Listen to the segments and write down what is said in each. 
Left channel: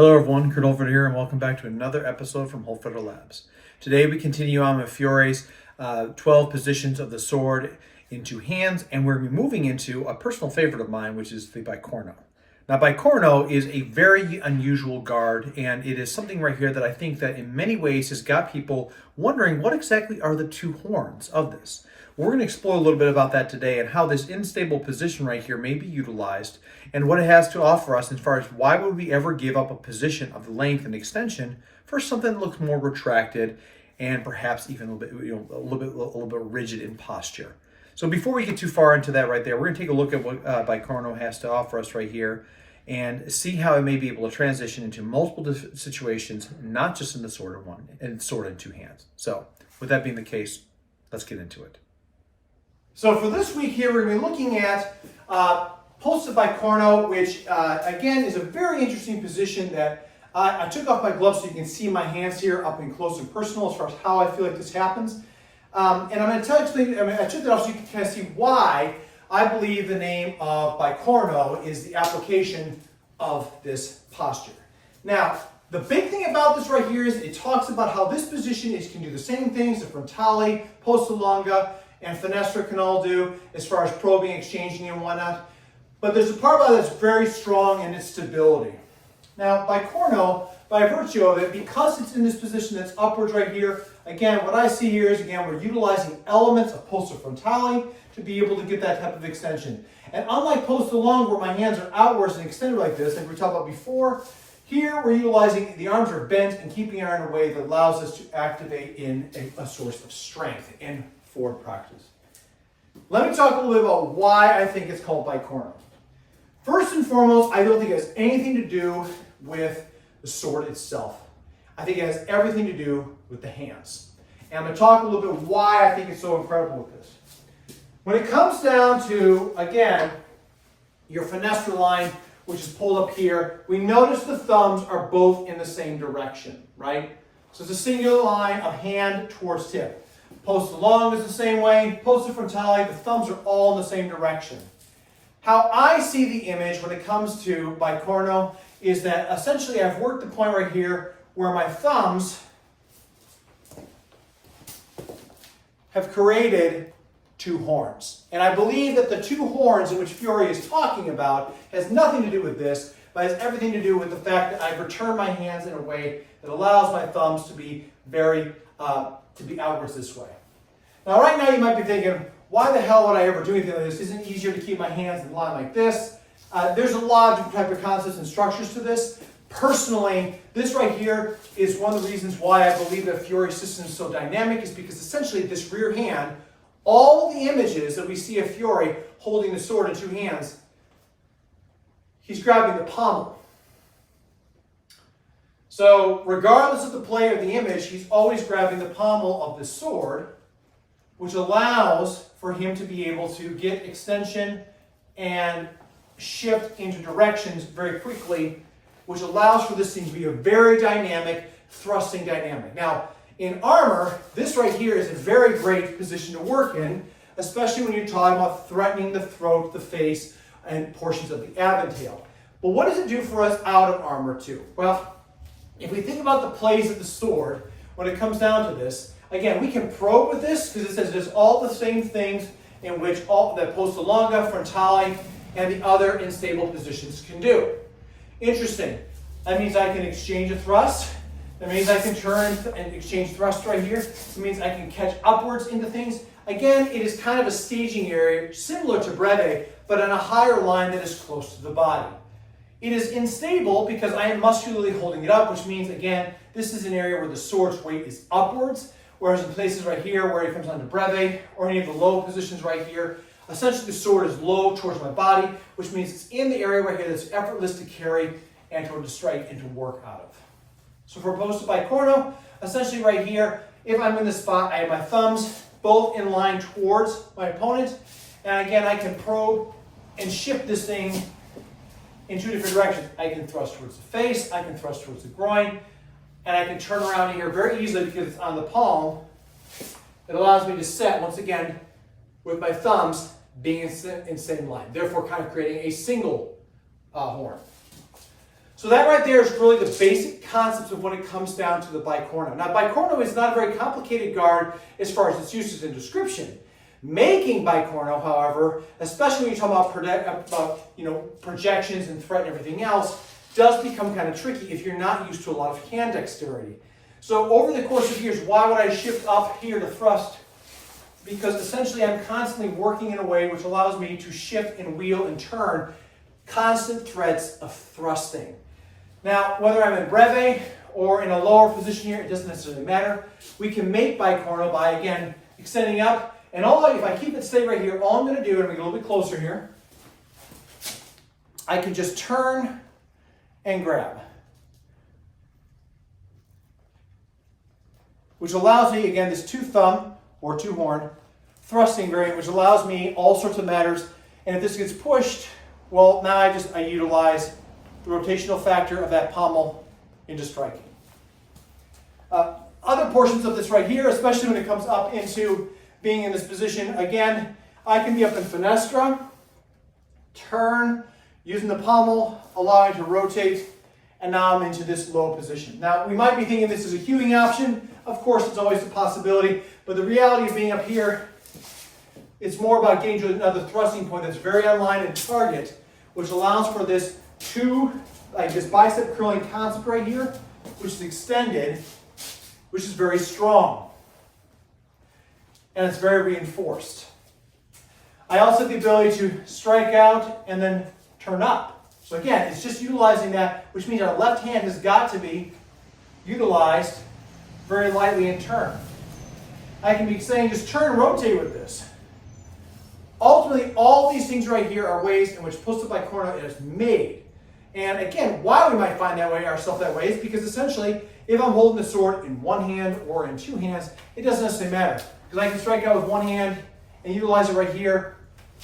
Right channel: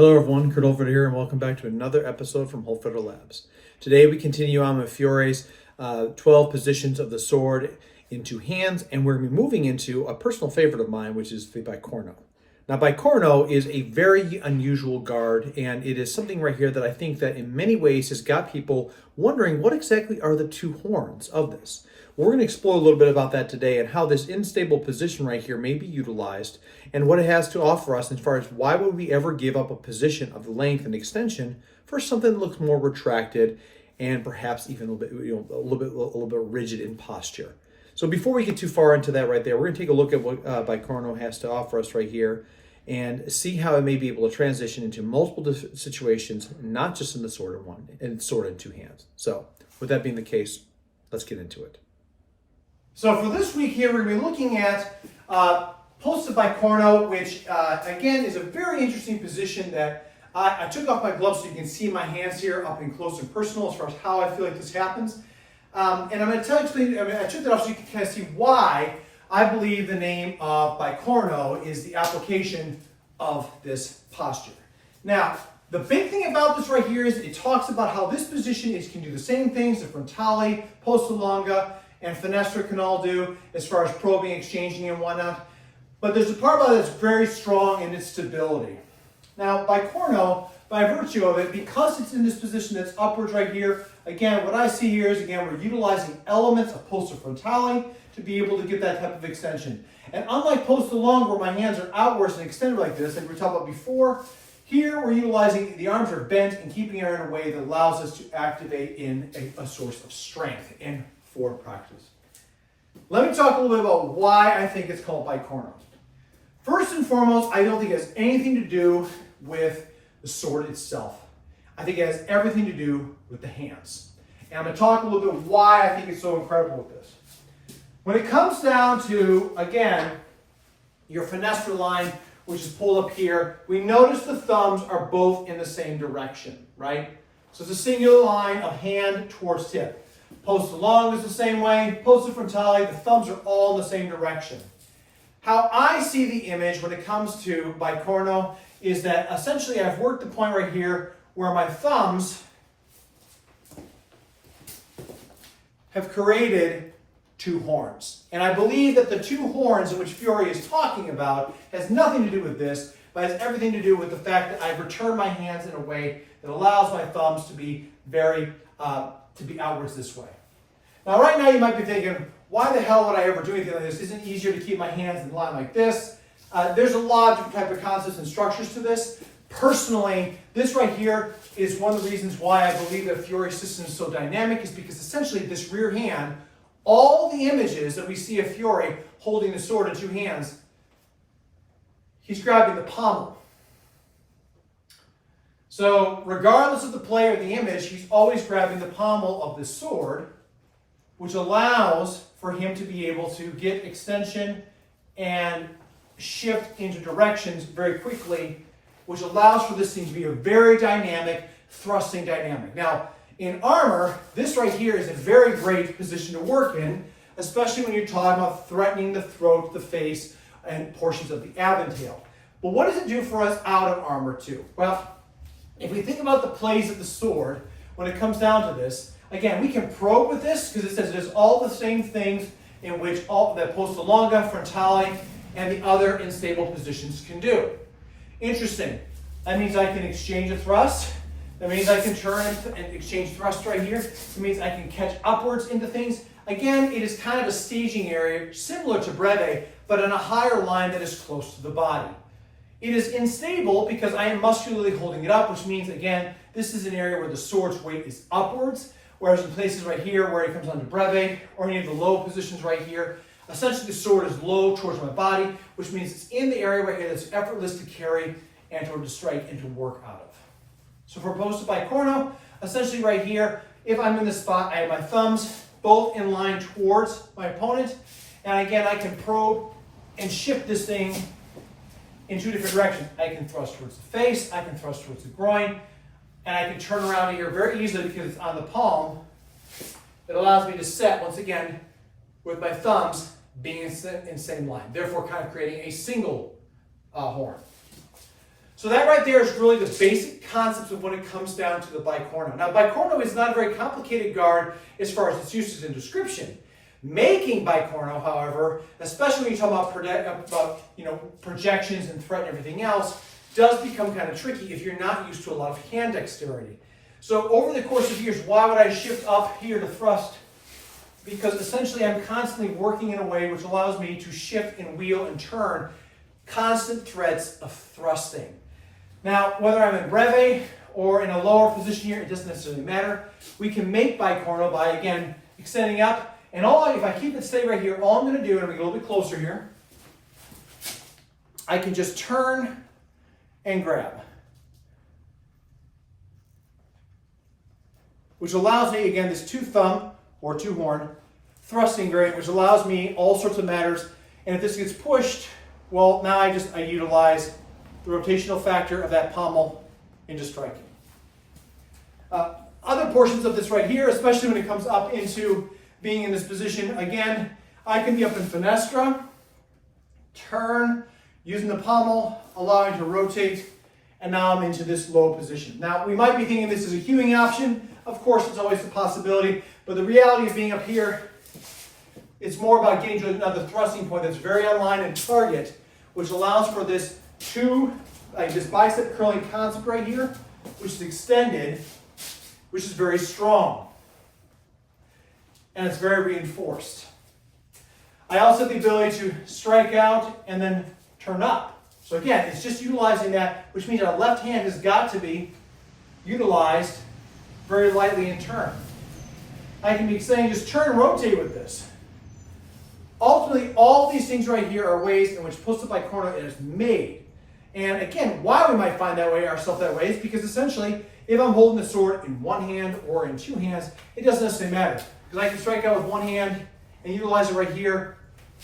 Hello everyone, Kurt Holford here, and welcome back to another episode from Holford Labs. Today we continue on with Fiore's 12 positions of the sword in two hands, and we're moving into a personal favorite of mine, which is the Bicorno. Now, Bicorno is a very unusual guard, and it is something right here that I think that in many ways has got people wondering what exactly are the two horns of this. We're going to explore a little bit about that today and how this unstable position right here may be utilized and what it has to offer us as far as why would we ever give up a position of length and extension for something that looks more retracted and perhaps even a little bit rigid in posture. So before we get too far into that right there, we're going to take a look at what Bicorno has to offer us right here and see how it may be able to transition into multiple situations, not just in the sword in two hands. So with that being the case, let's get into it. So for this week here, we're going to be looking at Posta di Bicorno, which again is a very interesting position that I took off my gloves so you can see my hands here up and close and personal as far as how I feel like this happens. And I'm going to I took that off so you can kind of see why I believe the name of Bicorno is the application of this posture. Now, the big thing about this right here is it talks about how this position can do the same things that frontale, posta longa, and finestra can all do as far as probing, exchanging, and whatnot. But there's a part about it that's very strong in its stability. Now, Bicorno, by virtue of it, because it's in this position that's upwards right here, again, what I see here is, again, we're utilizing elements of posta frontale to be able to get that type of extension. And unlike posta longa, where my hands are outwards and extended like this, like we talked about before, here we're utilizing, the arms are bent and keeping it in a way that allows us to activate in a source of strength in forward practice. Let me talk a little bit about why I think it's called Bicorno. First and foremost, I don't think it has anything to do with the sword itself. I think it has everything to do with the hands. And I'm going to talk a little bit why I think it's so incredible with this. When it comes down to, again, your finestra line, which is pulled up here, we notice the thumbs are both in the same direction, right? So it's a singular line of hand towards tip. Posta longa is the same way. Posta frontale, the thumbs are all in the same direction. How I see the image when it comes to Bicorno is that essentially I've worked the point right here where my thumbs have created two horns. And I believe that the two horns in which Fiore is talking about has nothing to do with this, but has everything to do with the fact that I've returned my hands in a way that allows my thumbs to be outwards this way. Now, right now you might be thinking, why the hell would I ever do anything like this? Isn't it easier to keep my hands in line like this? There's a lot of different type of concepts and structures to this. Personally, this right here is one of the reasons why I believe that Fiore's system is so dynamic, is because essentially this rear hand, all the images that we see of Fiore holding the sword in two hands, he's grabbing the pommel. So regardless of the play or the image, he's always grabbing the pommel of the sword, which allows for him to be able to get extension and shift into directions very quickly, which allows for this thing to be a very dynamic thrusting dynamic. Now, in armor, this right here is a very great position to work in, especially when you're talking about threatening the throat, the face, and portions of the ab and tail. But what does it do for us out of armor too? Well, if we think about the plays of the sword, when it comes down to this, again, we can probe with this because it says there's all the same things in which all that posta longa, frontale, and the other unstable positions can do. Interesting. That means I can exchange a thrust. That means I can turn and exchange thrust right here. It means I can catch upwards into things. Again, it is kind of a staging area similar to breve, but on a higher line that is close to the body. It is unstable because I am muscularly holding it up, which means, again, this is an area where the sword's weight is upwards, whereas in places right here where it comes onto breve, or any of the low positions right here, essentially the sword is low towards my body, which means it's in the area right here that's effortless to carry and to strike and to work out of. So for Posta di Bicorno, essentially right here, if I'm in this spot, I have my thumbs both in line towards my opponent, and again, I can probe and shift this thing in two different directions. I can thrust towards the face, I can thrust towards the groin, and I can turn around here very easily because it's on the palm. It allows me to set, once again, with my thumbs being in same line, therefore kind of creating a single horn. So that right there is really the basic concepts of when it comes down to the bicorno. Now, bicorno is not a very complicated guard as far as its uses and description. Making bicorno, however, especially when you talk about projections and threat and everything else, does become kind of tricky if you're not used to a lot of hand dexterity. So over the course of years, why would I shift up here to thrust? Because essentially I'm constantly working in a way which allows me to shift and wheel and turn constant threads of thrusting. Now, whether I'm in breve or in a lower position here, it doesn't necessarily matter. We can make bicorno by, again, extending up. And if I keep it steady right here, all I'm going to do, and I'm going to get a little bit closer here, I can just turn and grab. Which allows me, again, this two thumb or two horn thrusting variant, which allows me all sorts of matters. And if this gets pushed, well, now I utilize the rotational factor of that pommel into striking. Other portions of this right here, especially when it comes up into being in this position, again, I can be up in finestra, turn, using the pommel, allowing to rotate, and now I'm into this low position. Now, we might be thinking this is a hewing option. Of course, it's always a possibility, but the reality of being up here, it's more about getting to another thrusting point that's very on line and target, which allows for this this bicep curling concept right here, which is extended, which is very strong. And it's very reinforced. I also have the ability to strike out and then turn up. So again, it's just utilizing that, which means our left hand has got to be utilized very lightly in turn. I can be saying just turn and rotate with this. Ultimately, all these things right here are ways in which Posta di Bicorno is made. And again, why we might find ourselves that way is because essentially, if I'm holding the sword in one hand or in two hands, it doesn't necessarily matter. Because I can strike out with one hand and utilize it right here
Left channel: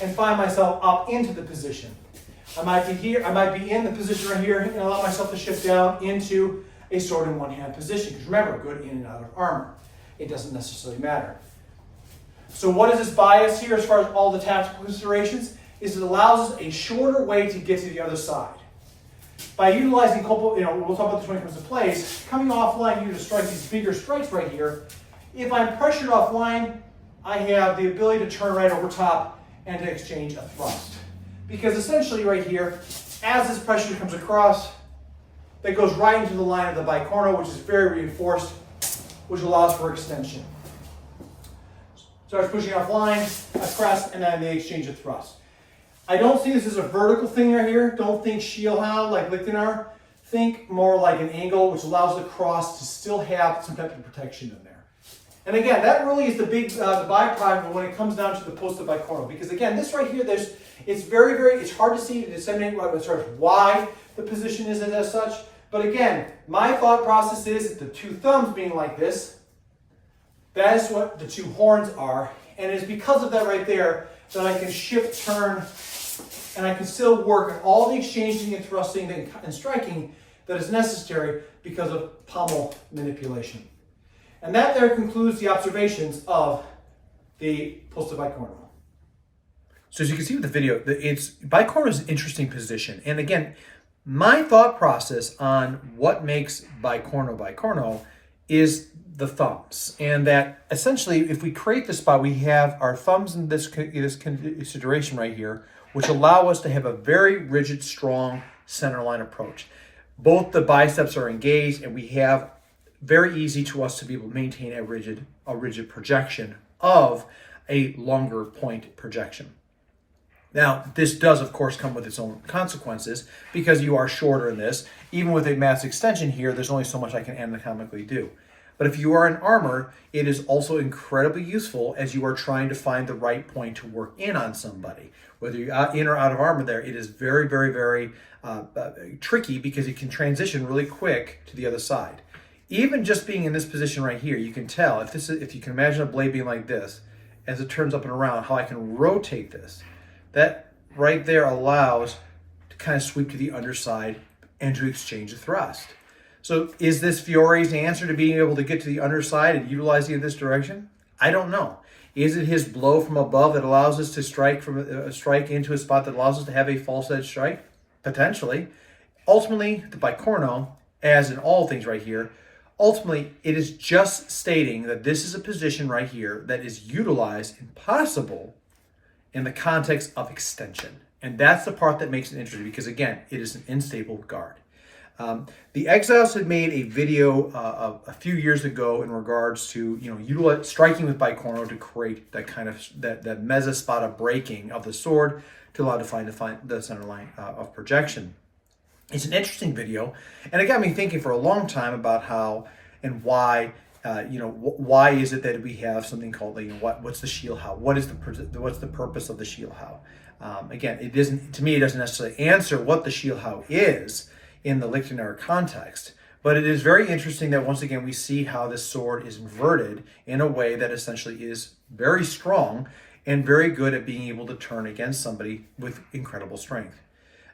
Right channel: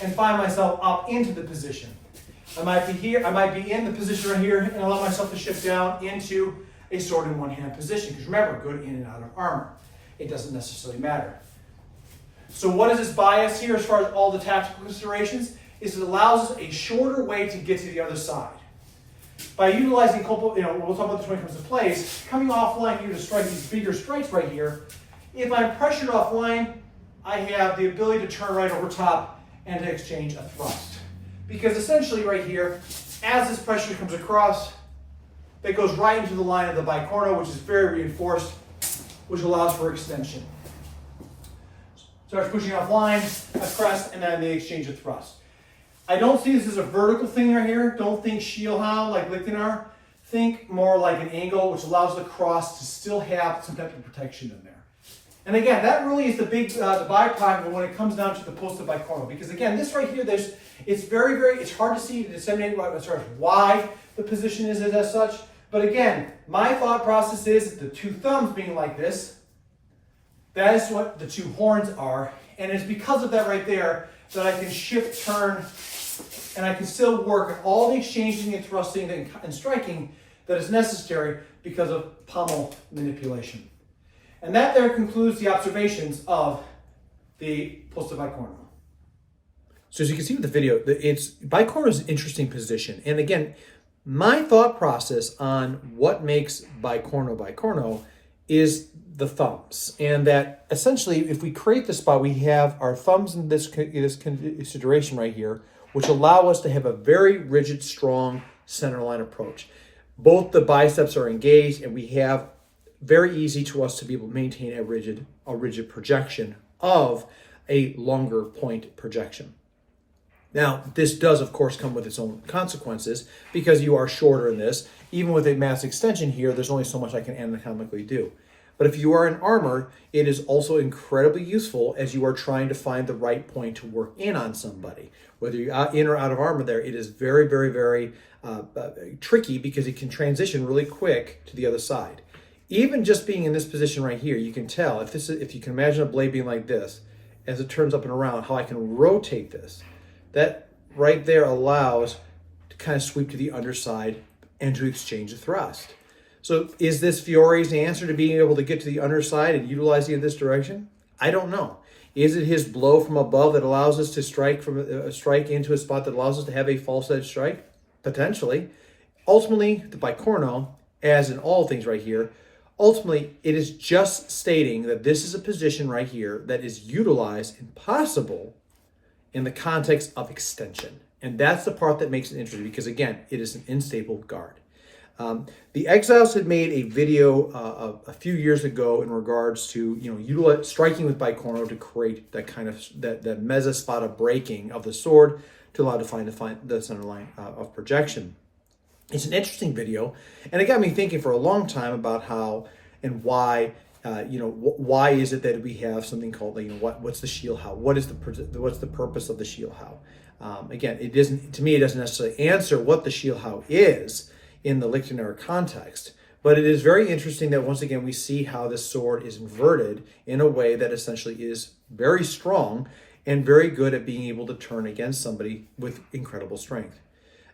and find myself up into the position. I might be here, I might be in the position right here and allow myself to shift down into a sword in one hand position. Because remember, good in and out of armor. It doesn't necessarily matter. So what is this bias here as far as all the tactical considerations? Is it allows us a shorter way to get to the other side. By utilizing, we'll talk about this when it comes to plays, coming offline here to strike these bigger strikes right here, if I'm pressured offline, I have the ability to turn right over top and to exchange a thrust. Because essentially right here, as this pressure comes across, that goes right into the line of the bicorno, which is very reinforced, which allows for extension. Starts pushing offline, I press, and then the exchange of thrust. I don't see this as a vertical thing right here. Don't think Schielhound like Lichtenauer. Think more like an angle, which allows the cross to still have some type of protection in there. And again, that really is the byproduct when it comes down to the Posta di Bicorno. Because again, this right here, it's hard to see, disseminate why the position is as such. But again, my thought process is the two thumbs being like this, that is what the two horns are. And it's because of that right there that I can shift, turn, and I can still work on all the exchanging and thrusting and striking that is necessary because of pommel manipulation. And that there concludes the observations of the Posta di Bicorno. So as you can see with the video, bicorno is an interesting position. And again, my thought process on what makes bicorno is the thumbs. And that essentially, if we create this spot, we have our thumbs in this consideration right here, which allow us to have a very rigid, strong center line approach. Both the biceps are engaged, and we have very easy to us to be able to maintain a rigid projection of a longer point projection. Now, this does, of course, come with its own consequences because you are shorter in this. Even with a mass extension here, there's only so much I can anatomically do. But if you are in armor, it is also incredibly useful as you are trying to find the right point to work in on somebody. Whether you're in or out of armor there, it is very, very, very tricky because it can transition really quick to the other side. Even just being in this position right here, you can tell, if you can imagine a blade being like this, as it turns up and around, how I can rotate this. That right there allows to kind of sweep to the underside and to exchange a thrust. So is this Fiore's answer to being able to get to the underside and utilizing it in this direction? I don't know. Is it his blow from above that allows us to strike into a spot that allows us to have a false edge strike? Potentially. ultimately, the Bicorno, as in all things right here, ultimately, it is just stating that this is a position right here that is utilized and possible in the context of extension. And that's the part that makes it interesting because, again, it is an unstable guard. The Exiles had made a video a few years ago in regards to, striking with Bicorno to create that kind of that mezzospada breaking of the sword to allow to find the center line of projection. It's an interesting video, and it got me thinking for a long time about how and why. Why is it that we have something called, what's the shield how? What's the purpose of the shield how? Again, it doesn't necessarily answer what the shield how is in the Lichtenauer context, but it is very interesting that once again we see how this sword is inverted in a way that essentially is very strong and very good at being able to turn against somebody with incredible strength.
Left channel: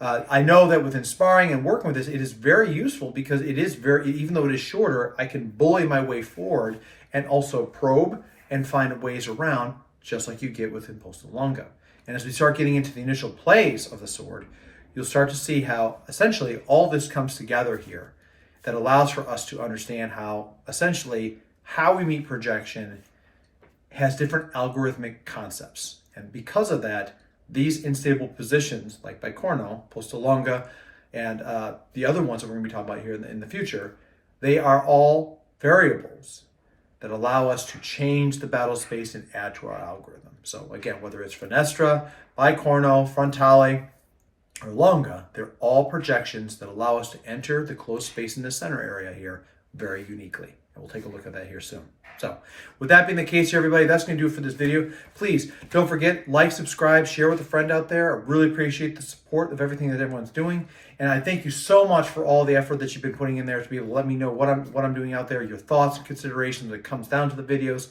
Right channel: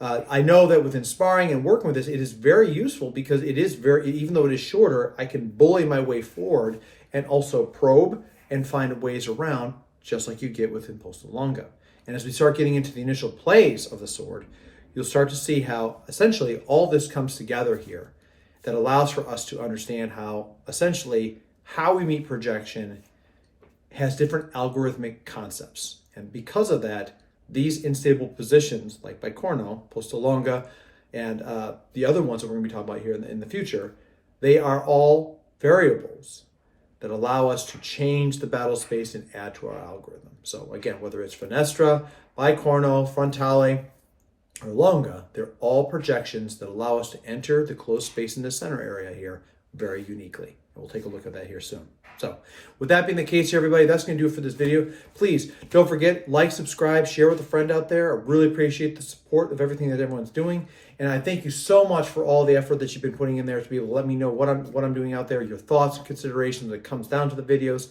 I know that within sparring and working with this, it is very useful because it is even though it is shorter, I can bully my way forward and also probe and find ways around, just like you get within Posta Longa. And as we start getting into the initial plays of the sword, you'll start to see how essentially all this comes together here that allows for us to understand how essentially how we meet projection has different algorithmic concepts. And because of that, these unstable positions like Bicorno, Posta Longa, and the other ones that we're going to be talking about here in the future, they are all variables that allow us to change the battle space and add to our algorithm. So again, whether it's Finestra, Bicorno, Frontale, or Longa, they're all projections that allow us to enter the closed space in the center area here very uniquely. And we'll take a look at that here soon. So with that being the case here, everybody, that's going to do it for this video. Please don't forget, like, subscribe, share with a friend out there. I really appreciate the support of everything that everyone's doing. And I thank you so much for all the effort that you've been putting in there to be able to let me know what I'm doing out there, your thoughts and considerations that comes down to the videos.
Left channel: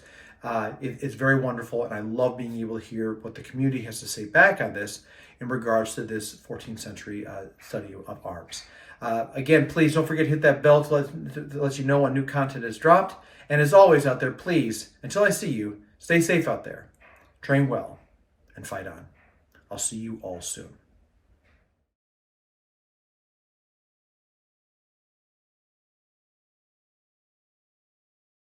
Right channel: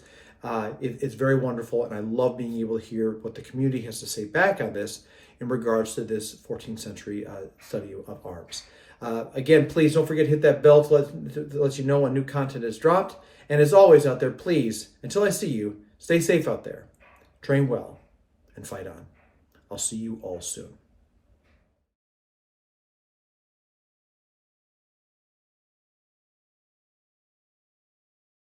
It's very wonderful, and I love being able to hear what the community has to say back on this in regards to this 14th century study of arms. Again, please don't forget to hit that bell to let you know when new content is dropped. And as always out there, please, until I see you, stay safe out there, train well, and fight on. I'll see you all soon.